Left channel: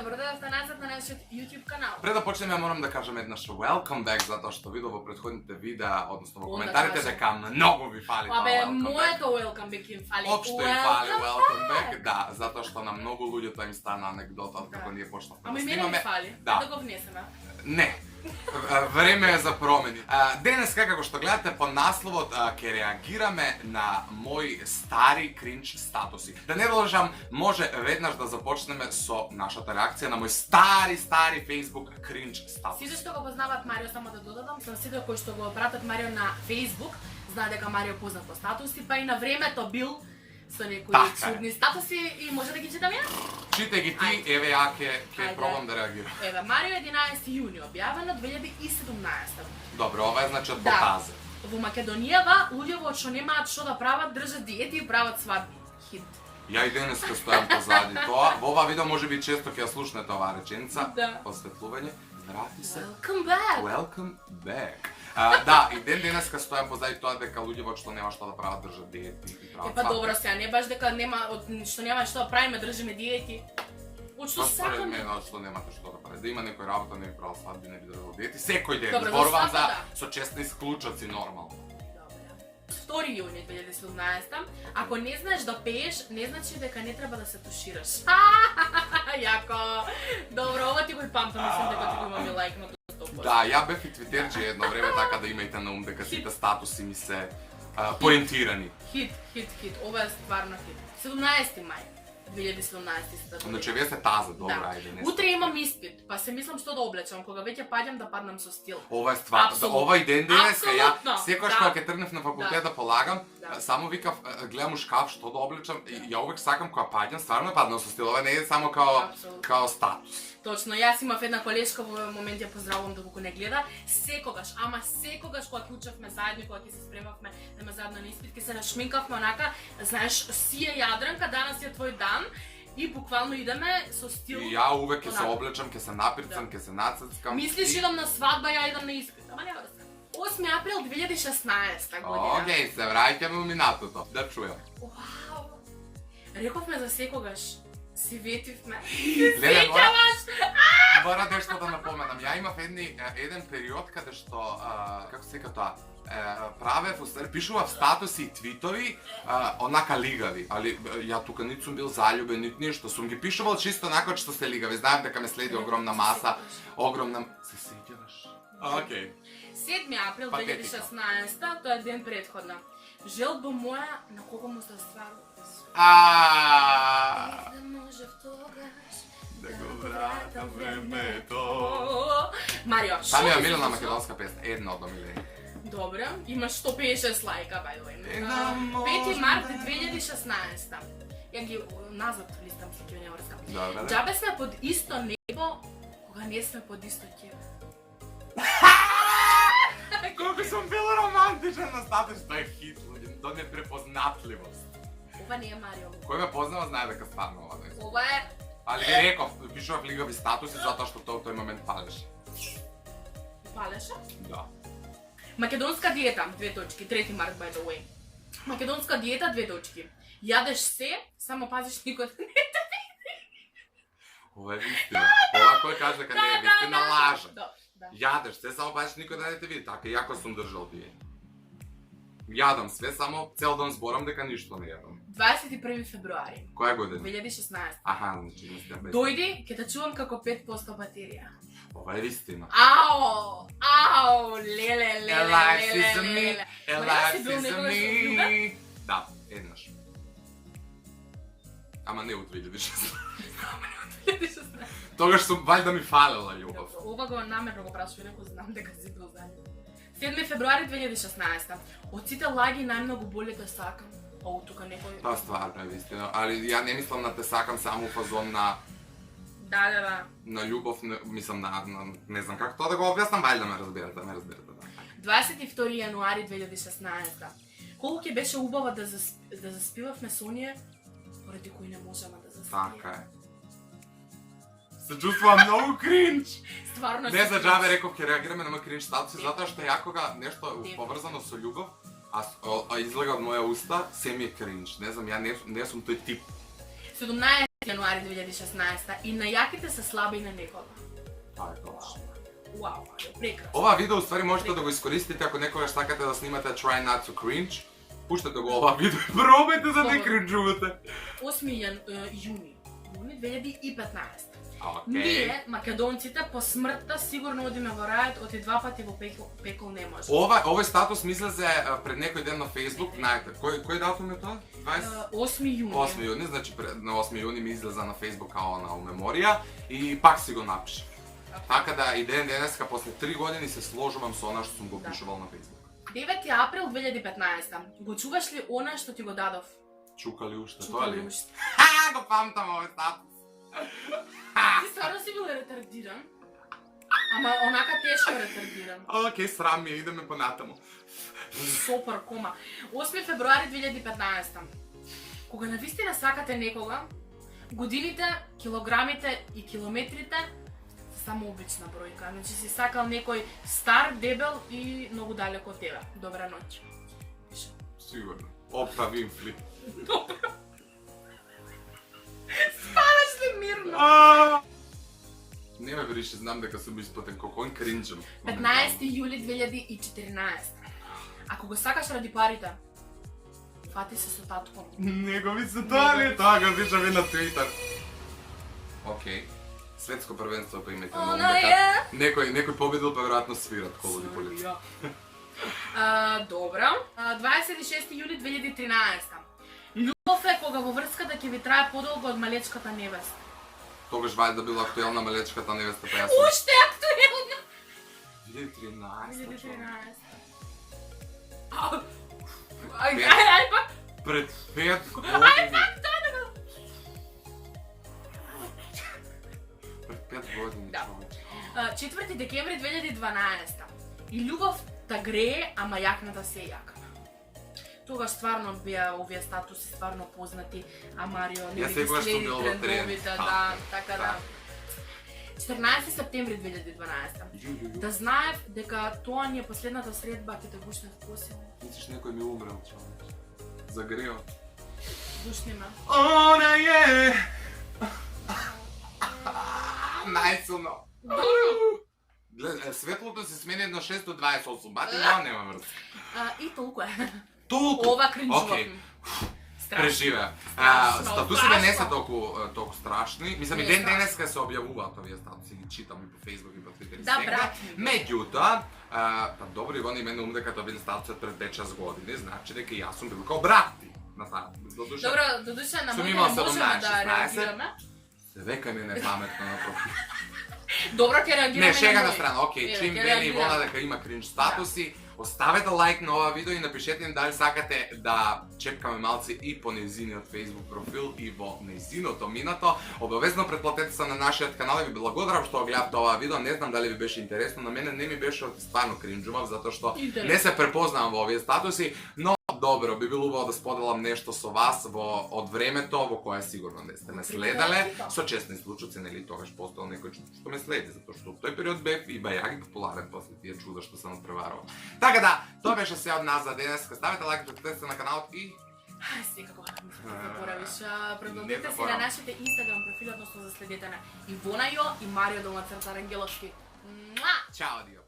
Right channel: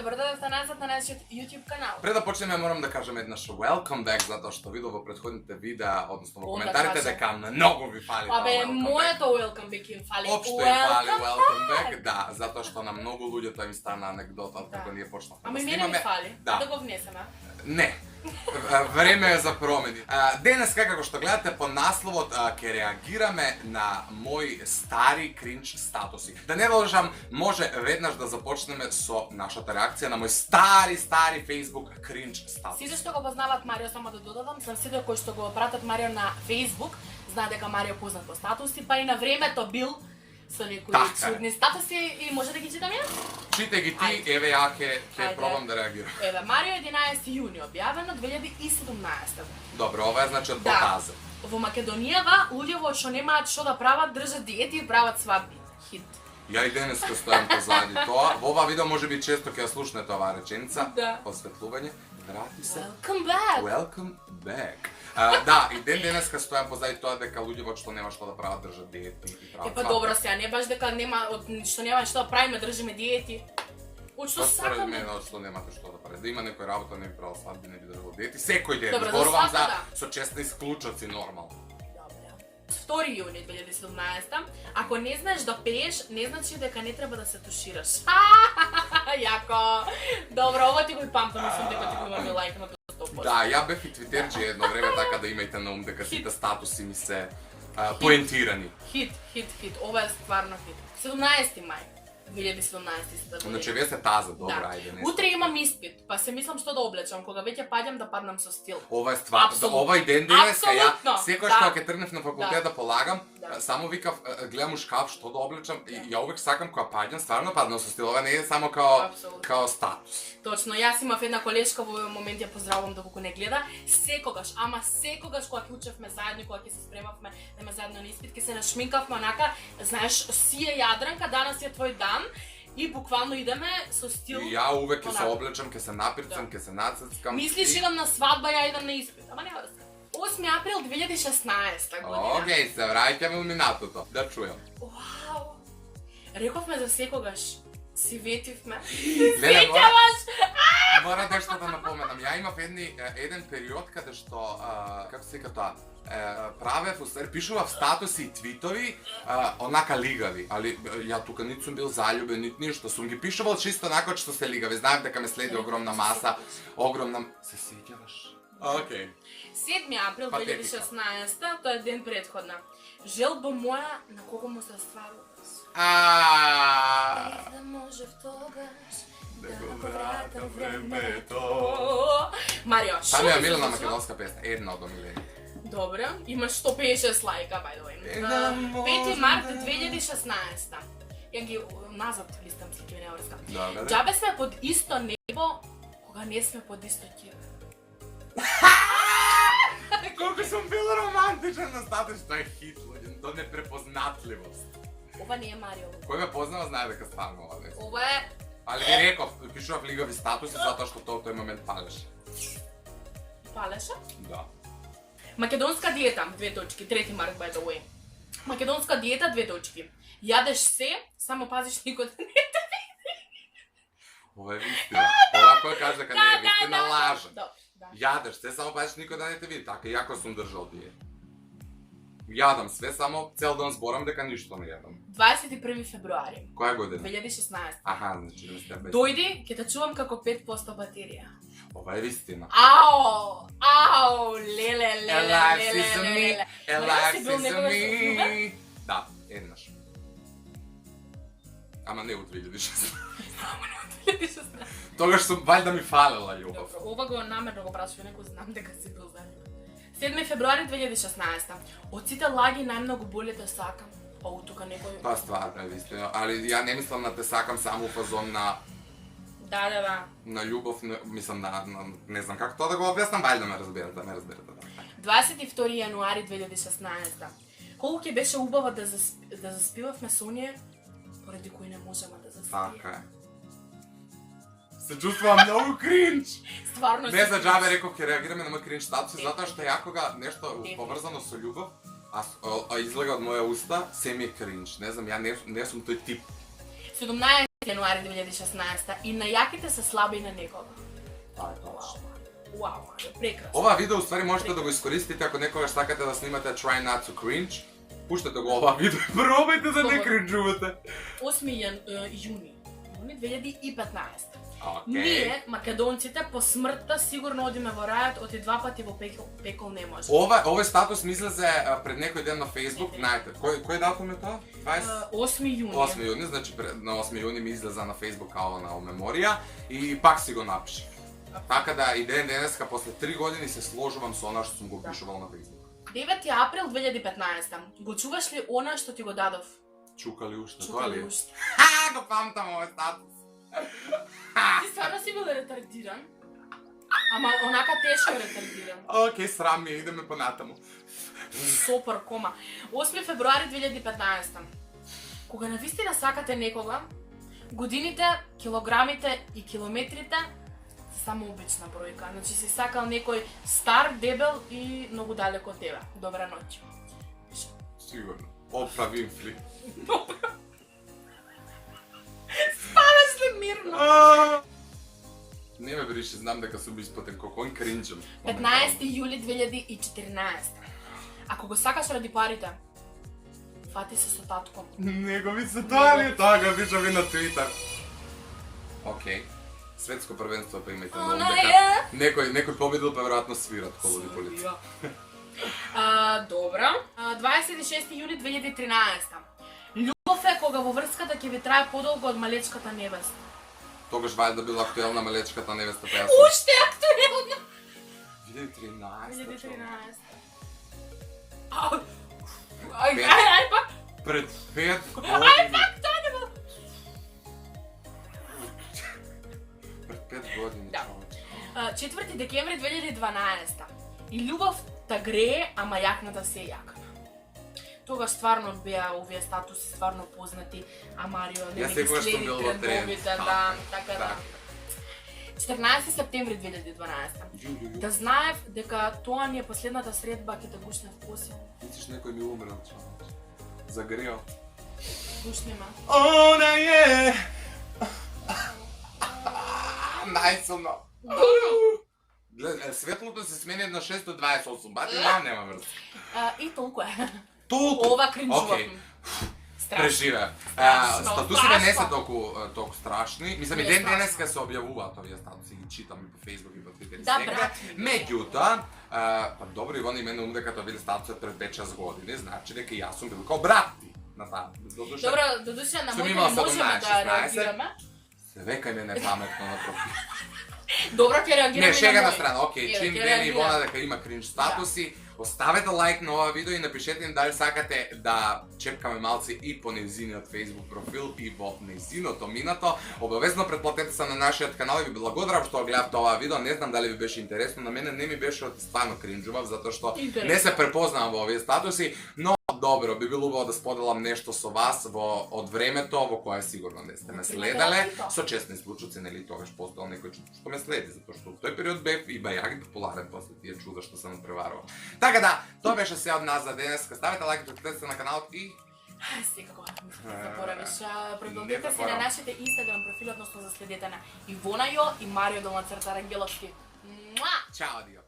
добро дојдовте назад на нашиот YouTube канал. Пред да почнеме морам да кажам еднаш welcome back, затоа што видов во претходните видеа, односно во коментарите дека многу ви фали тоа Абе, welcome back. моето welcome back им фали. Општо им фали welcome back, да, затоа што на многу луѓето им стана анегдота како ние почнавме Ама да и мене снимаме. ми фали, Да. да го внесеме. Не. Време е за промени. Денес, како што гледате по насловот, ќе реагираме на мои стари кринч статуси. Да не должам, може веднаш да започнеме со нашата реакција на мои стари Facebook кринч статуси. Сите што го познаваат Марио, само да додадам, сам сите кои што го пратат Марио на Facebook, знаат дека Марио познат по статуси, па и на времето бил со некои чудни статуси и може да ги читам јас? Читај ги ти, еве ја ќе пробам да реагирам. Еве, Марио 11 јуни, објавено 2017. Добро, ова е значи од показа. Во Македонијава, луѓето што немаат што да прават, држат диети и прават свадби. Хит. Ја и денеска стојам позади тоа. Во ова видео може би често ќе ја слушнете оваа реченица. Да. Осветлување. Врати се. Welcome back. Welcome back. Да, и денеска стојам позади тоа дека луѓето што нема што да прават држат диети и прават Па добро сега, не баш дека нема што нема што да правиме, држиме диети. Од што Според сакаме. мене, од што немате што да правите. Да има некој работа, не би правил свадби, не би држал диети. Секој ден. Добро, за Зборувам за свадба, со честни исклучоци нормално. Добре. 2 јуни 2017. Ако не знаеш да пееш, не значи дека не треба да се тушираш. Јако. Добро, ова ти го и памтам, мислам дека ти го имаме лајкнато 100%. Да, ја бев и твитерџи едно време, така да имајте на ум дека сите статуси ми се поентирани. Хит. Ова е стварно хит. 17 мај 2017. Значи вие сте таза, добро, Да. ајде не. Утре имам испит, па се мислам што да облечам, кога веќе паѓам да паднам со стил. Ова е ствар, Апсолутно. ова и ден денеска, ја Апсолутно, секогаш да. кога ќе тргнев на факултет да полагам, Да. само викав, гледам у шкаф што да облечам и ја увек сакам кога паѓам, стварно паднам со стил, ова не е само Апсолутно. као статус. Точно, јас имав една колешка во овој момент, ја поздравувам доколку не гледа, секогаш кога ќе учевме заедно, кога ќе се спремавме да ме заедно на испит, ќе се нашминкавме онака, знаеш, си е Јадранка, данас е твој дан. И буквално идеме со стил. И ја увек ќе се онака. облечам, ќе се напирцам, ќе се нацецкам. Мислиш идам на свадба, ја идам на испит. Ама нема да се. 8 април 2016 година. Океј, се враќаме у минатото. Да чујам. Вау! Рековме за секогаш. Си ветивме. Леле, Сеќаваш? мора нешто да напоменам. Ја имав еден период каде што, како се вика тоа, правев, пишував статуси и твитови, онака лигави, али ја тука нит сум бил заљубен, нит ништо, сум ги пишувал чисто онака што се лигави, знаев дека ме следи огромна маса, огромна... Се сеќаваш? Океј. 7 април Патетика. 2016, тоа е ден предходна. Желба моја, на кого му се стваруваш? Да може тогаш Да го вратам времето. Марио, Самија ти се Милена случува? македонска песна, една од омилени. Добре, имаш 156 лајка, by the way. Една 5 март 2016. Ја ги назад листам си кјонеорска. Добре, да. Џабе сме под исто небо, кога не сме под исто ќебе. Колку сум бил романтичен на статус, тоа е хит, луѓе, тоа непрепознатливост. Ова не е Марио. Кој ме познава знае дека стварно ова не е. Ова е... Али ви реков, пишував лигави статуси затоа што тој момент палеше. Палеше? Да. Македонска диета, 2 точки, 3 март, by the way. Македонска диета, 2 точки. Јадеш се, само пазиш никој да не те види. Ова е вистина. Ова кој каже дека не е вистина, лаже. Да. Јадеш се, само пазиш никој да не те види. Така, јако сум држал диета. Јадам све, само цел ден зборам дека ништо не јадам. 21 февруари, Која година? 2016. Аха, значи да сте без. Дојди, ќе те чувам како 5% батерија. Ова е вистина. Ау, леле. Alive is a me, alive си бил is a некогаш me. Да, еднаш. Ама не у 2016. Тогаш сум валјда ми фалела љубов. Добро, ова го намерно го прашувам, некој знам дека си бил заљубен. 7 февруари 2016. Од сите лаги најмногу боли те сакам. Оу, тука некој... Тоа стварно е вистина, али ја не мислам на те сакам само у фазон на Да. на љубов, мислам на не знам како тоа да го објаснам, валјда ме разберете, да. 22 јануари 2016. Колку ќе беше убаво да заспивавме со оние, поради кои не можеме да заспиваме. Така е. Се чувствувам многу кринч. Стварно Не за џабе реков ќе реагираме на мој кринч статуси, затоа што јакога нешто поврзано со љубов, а излега од моја уста, се ми е кринч. Не знам, ја не сум тој тип. 17 јануари 2016 и најаките се слаби на некога. Тоа е точно. Вау, прекрасно. Ова видео уствари можете да го искористите ако некогаш сакате да снимате Try Not to Cringe. Пуштете го ова видео и пробајте да не кринжувате. 8 јуни 2015. Окей. Ние, македонците, по смртта сигурно одиме во рајот, оти 2 пати во пекол не може. Овој статус мислезе пред некој ден на Facebook, знаете, кој датум е тоа? 8 јуни. 8 јуни, значи на 8 јуни ми излеза на Facebook као на меморија и пак си го напишав. Така да и денеска после 3 години се сложувам со она што сум го пишувал на Facebook. 9 април 2015. Го чуваш ли она што ти го дадов? Чука ли уште, тоа ли? уште. Го памтам овој статус. Ти стварно си бил ретардиран? Ама онака тешко ретардиран. Океј, срам ми, идеме понатаму. Супер, кома. 8 февруари 2015. Кога навистина сакате некога, годините, килограмите и километрите се само обична бројка. Значи си сакал некој стар, дебел и многу далеко од тебе. Добра ноќ. Сигурно. Опра Винфри. Спаваш ли мирно? Не ме брише, знам дека сум испотен кокон кринџам. 15 јули 2014. Ако го сакаш ради парите, фати се со татко. Него ми се тоа ли? Тоа го виждам и на Твитер. Океј. Светско првенство па имајте на ум дека некој победил па веројатно свират колоди полица. Добра. 26 јули 2013. Љубов е кога во врската ќе ви трае подолго од малечката невеста. Тогаш вајда била актуелна малечката невеста па јас сум. Уште актуелна. 2013. 2013. Ај па. Пред 5 години. Ај па, тоа да го. Пред 5 години, Да. човече. 4 декември 2012. И љубов та грее, ама јакната се јакна. Тогаш стварно беа овие статуси стварно познати, а Марио не Јас секогаш сум бил во тренд. Да, така да. 14 септември 2012. Да знаев дека тоа ни е последната средба, ќе те гушнев посилно. Мислиш некој ми умрел, човече. Загрео. Гушни ме. Она е! Најсилно. Светлото се смени на 6 до 28 бати, но нема врска. И толку е. Толку? Ова кринжував. Океј. Преживеа. Статусите не се толку страшни. Мислам и ден денеска се објавуваат овие статуси, ги читам и по Facebook и по Twitter и Да, сега. брати. Меѓутоа, па добро Иван и мене дека тоа били статуси пред 5-6 години, значи дека јас сум бил као брат ти на таа. Добро, додуше на Сум моите имал не можеме 17, да 16. реагираме. Се века ми непаметно на профил. Добро, ќе реагираме. Не, шега на на мој. страна, окей, Еве, чим ќе вели Ивона реагираме. дека има кринж статуси, оставете лайк на ова видео и напишете им дали сакате да чепкаме малци и по нејзиниот Facebook профил и во нејзиното минато. Обавезно претплатете се на нашиот канал и ви благодарам што гледавте ова видео. Не знам дали ви беше интересно, на мене не ми беше оти стварно кринжував затоа што не се препознавам во овие статуси, но добро, би било убаво да споделам нешто со вас од времето во кое сигурно не сте ме следеле, со честни случаи, нели тогаш постоел некој што ме следи, затоа што тој период бев и бајаги популарен после тие чуда што се надпреварува. Така да, тоа беше се од нас за денес. Ставете лайк, претплатете се на каналот и Секако, не заборавиш. Не Претплатете се на заборавам. нашите Инстаграм профили, односно за следете на Ивона Јо и Марио Долнацрта Рангеловски. чао, адио.